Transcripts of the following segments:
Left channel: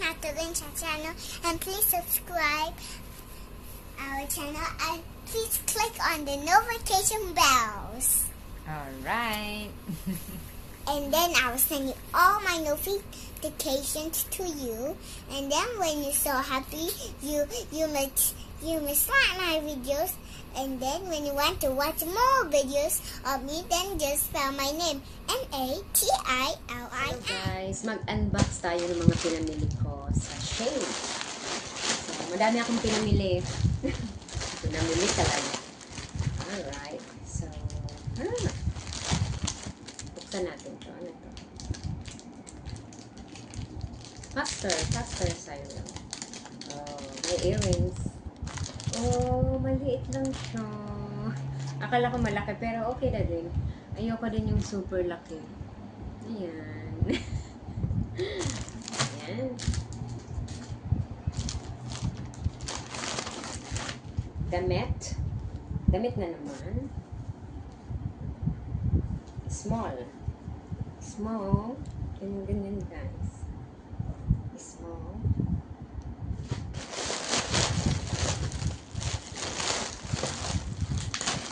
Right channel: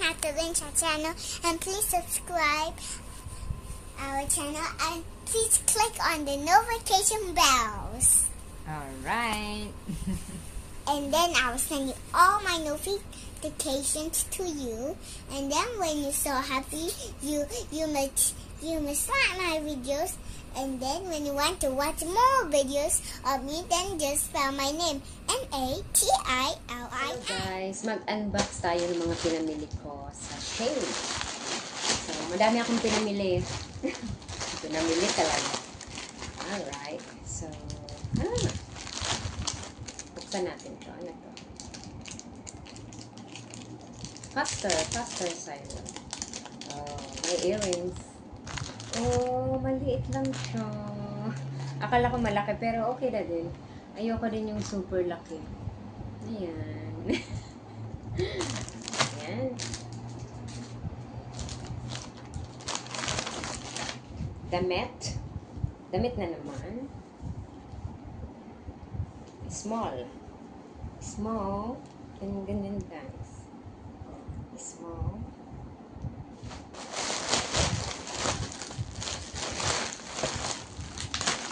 Natalin's channel, and please subscribe our channel and please click on the notification bells. Alright. And then I will send you all my notifications to you. And then when you're so happy, you must like my videos. And then when you want to watch more videos of me, then just spell my name. Natilin. Hello guys, mag-unbox tayo ng mga pinamili ko sa Shein. So, madami akong pinamili. Pinamili talaga. Alright. So, buksan natin to. Ano to? Faster silent. Oh, may earrings. Oh, maliit lang siya. Akala ko malaki, pero okay na din. Ayoko din yung super laki. Ayan. Ayan. Damit. Damit na naman. Small. Small. Ganyan guys. Small.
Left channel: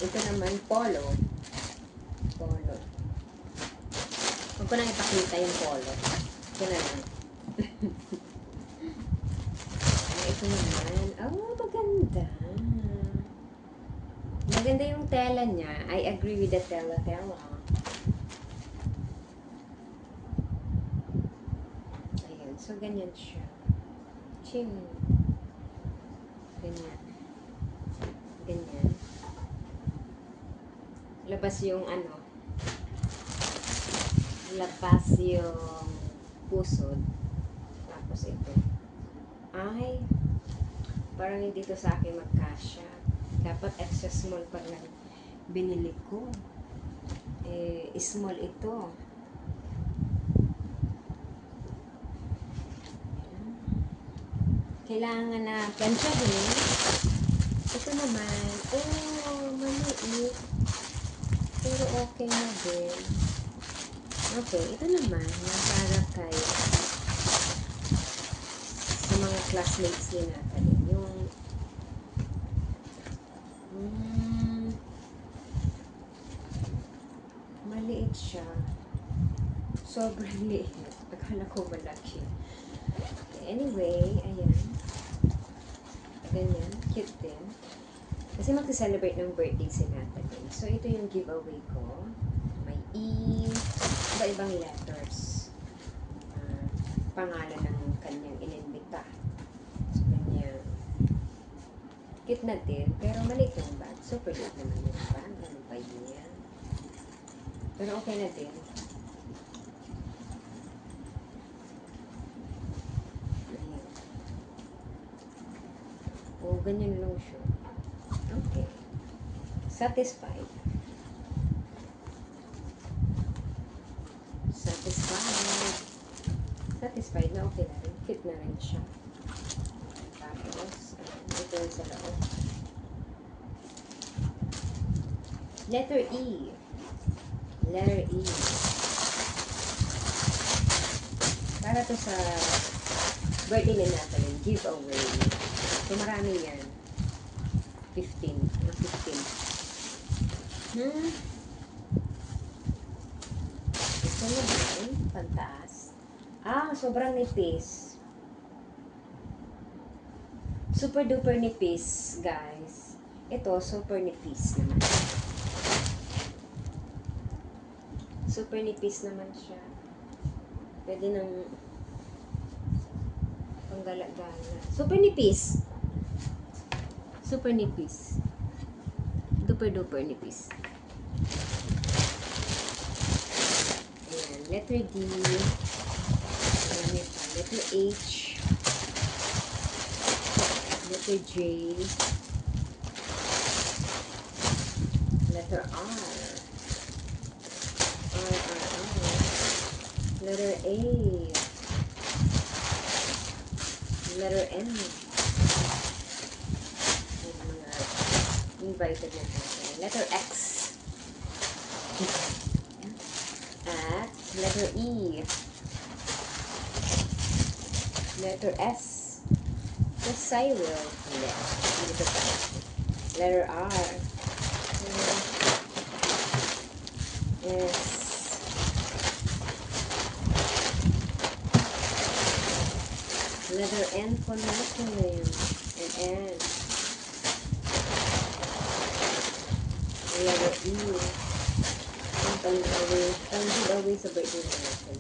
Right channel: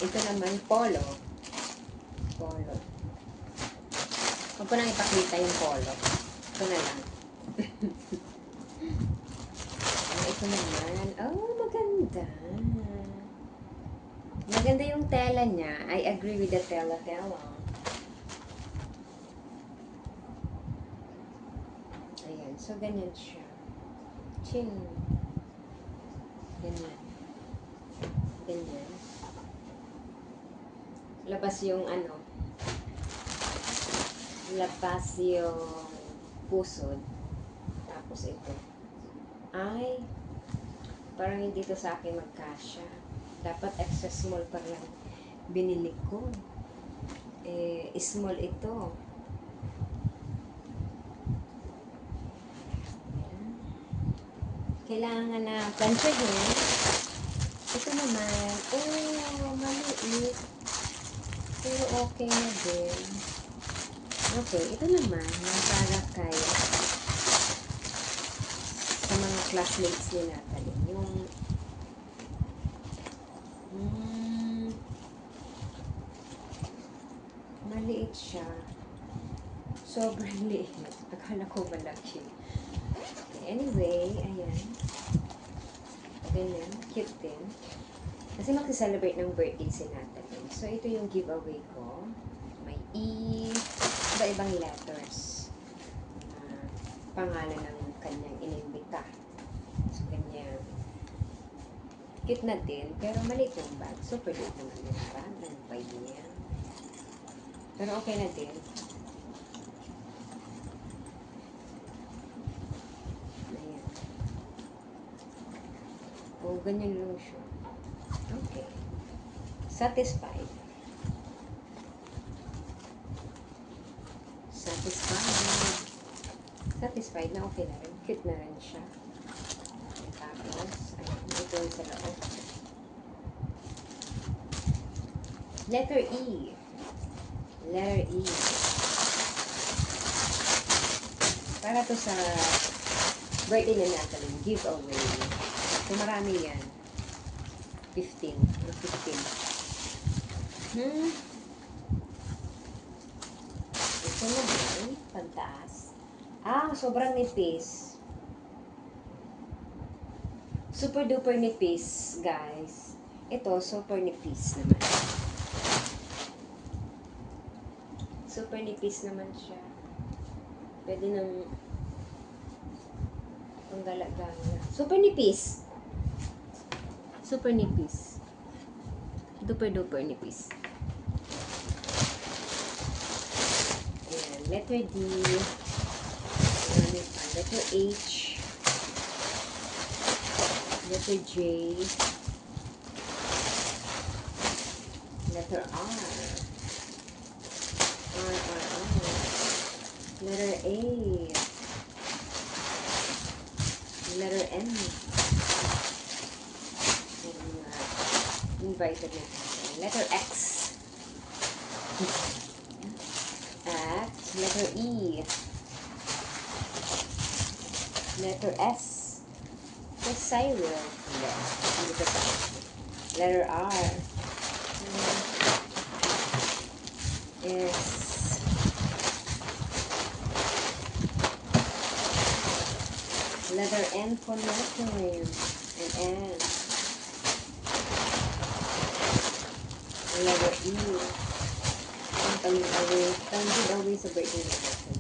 Ito naman, polo. Polo. Huwag ko nang ipakita yung polo. Ito na lang. Ito naman. Oh, maganda. Maganda yung tela niya. I agree with the tela. Ayan. So, ganyan siya. Chin. Ganyan. Ganyan. Labas yung ano, labas yung pusod. Tapos ito. Ay, parang hindi to sa akin magkasya. Dapat extra small pa lang binili ko. Small ito. Kailangan na planchahin. Ito naman, maliit. Pero okay na din. Okay, ito naman, para kay sa mga classmates ni Natalie. Yung maliit siya. Sobrang liit. Akala ko malaki. Okay, anyway, ayan. Ganyan. Cute din. Kasi mag-celebrate ng birthday si Natalie. So, ito yung giveaway ko. May iba-ibang letters. Pangalan ng kanyang inimbita. So, ganyan. Cute na din. Pero maliit yung bag. Super cute naman yung bag. Ano ba yan? Pero okay na din. Ayan. O, ganyan lang siya. Okay. Satisfied. Satisfied na okay na rin. Fit na rin siya. Tapos, ito yung sa loob. Letter E. Letter E. Para to sa birthday na natin. Giveaway. So, marami yan. 15. Ito naman, pantaas. Sobrang nipis. Super duper nipis, guys. Ito, super nipis naman. Super nipis naman siya. Pwede nang panggala-gala. Super nipis. Super nipis. Duper nipis. Ayan. Letter D. Marami pa. Letter H. Letter J. Letter R. Letter A. Letter M. Invited na tayo. Letter X. Letter E. Letter S. Yes, I will. Hindi. Hindi ko pa. Letter R. Yes. Letter N for Natalie. And N. Letter E. Ang palingaway. Ang away sa birthday na natin.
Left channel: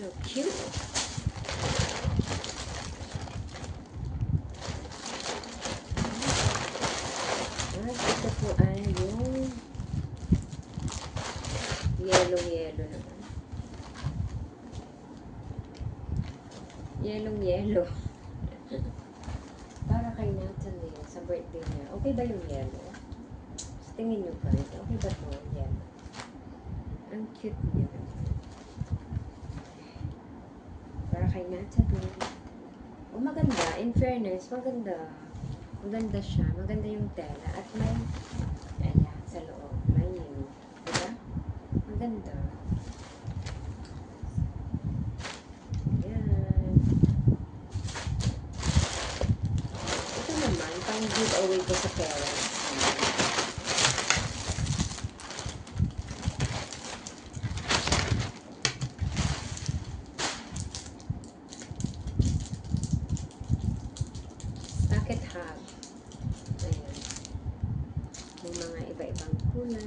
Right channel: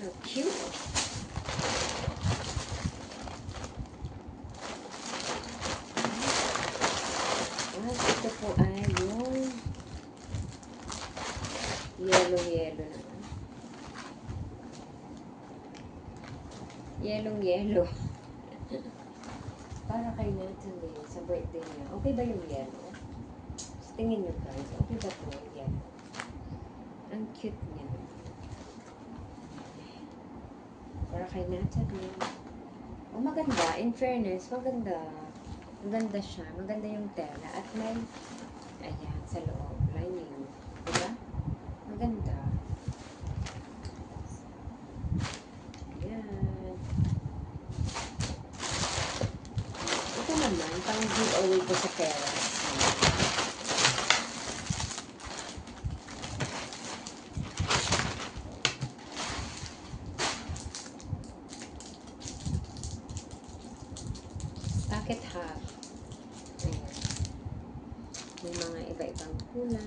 How cute. Ito po ay yung yellow naman. Yellow. Para kay Natalie sa birthday niya. Okay ba yung yellow? Tingin nyo guys, okay ba po yan? Ang cute niya. Para kay Natalie. Oh, maganda. In fairness, maganda. Maganda siya. Maganda yung tela. At may, ayan, sa loob. Lining. Diba? Maganda. Ayan. Ito naman, pang giveaway ko sa parents. Pocket hub. Ayan. May mga iba-ibang kulay.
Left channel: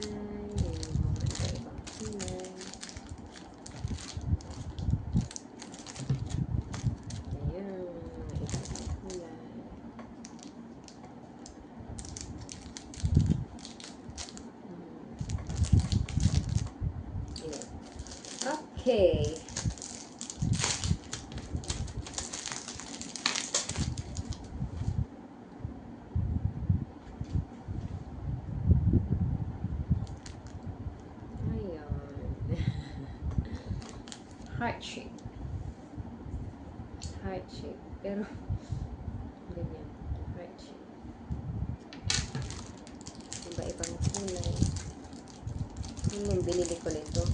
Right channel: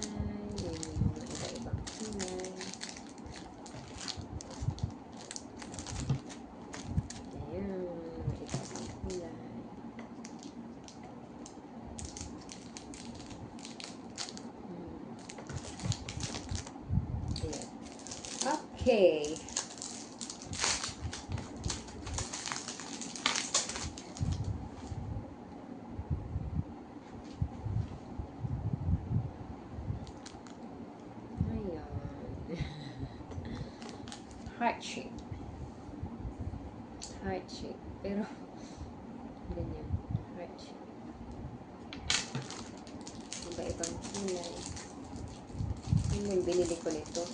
May mga iba-ibang kulay. Ayan. Mga iba-ibang kulay. Ayan. Okay. Heart shape. Heart shape. Pero, ganyan. Heart shape. Iba-ibang kulay. Yung binili ko nito.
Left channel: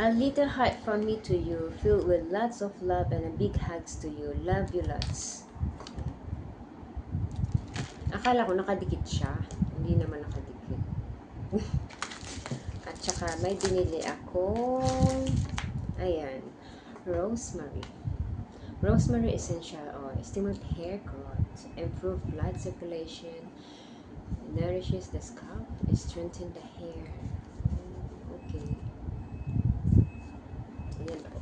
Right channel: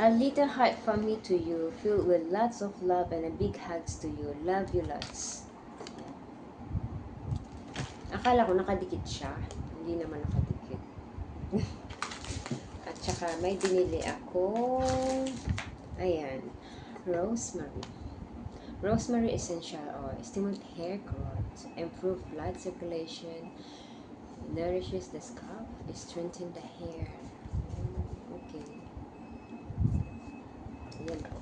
A little heart from me to you, filled with lots of love and a big hugs to you. Love you lots. Akala ko nakadikit siya. Hindi naman nakadikit. At saka may binili akong, ayan, rosemary. Rosemary essential oil. Stimulate hair growth. Improve blood circulation. Nourishes the scalp. Strengthen the hair. Okay. Ayan po.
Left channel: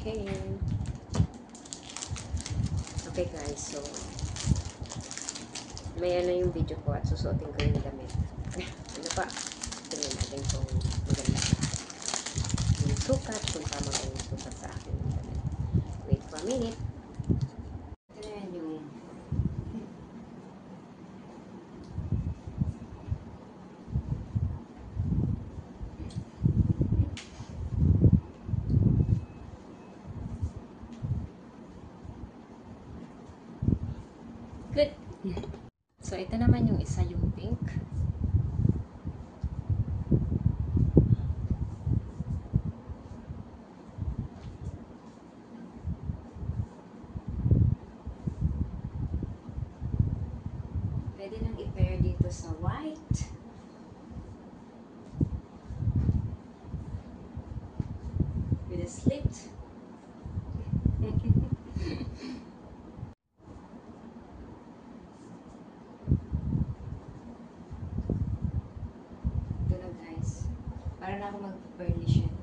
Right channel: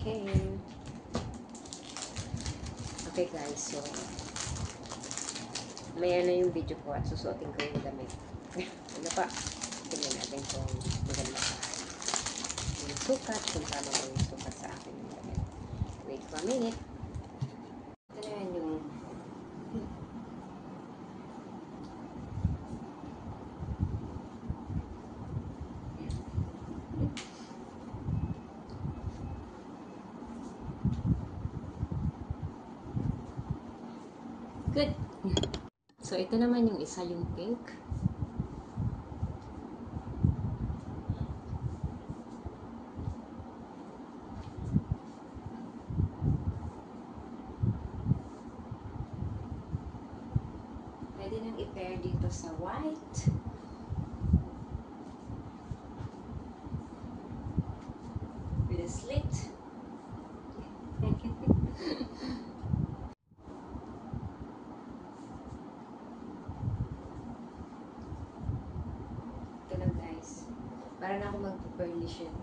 Okay. Okay guys, so maya na yung video ko at susuotin ko yung damit. Ano pa? Tingnan natin kung maganda pa. Yung sukat, kung tama ba yung sukat sa akin yung damit. Wait for a minute. Ito na yan yung good. So, ito naman yung isa, yung pink. Pwede nang i-pair dito sa white. With a slit. Ito na guys. Para na ako mag-furnish yun.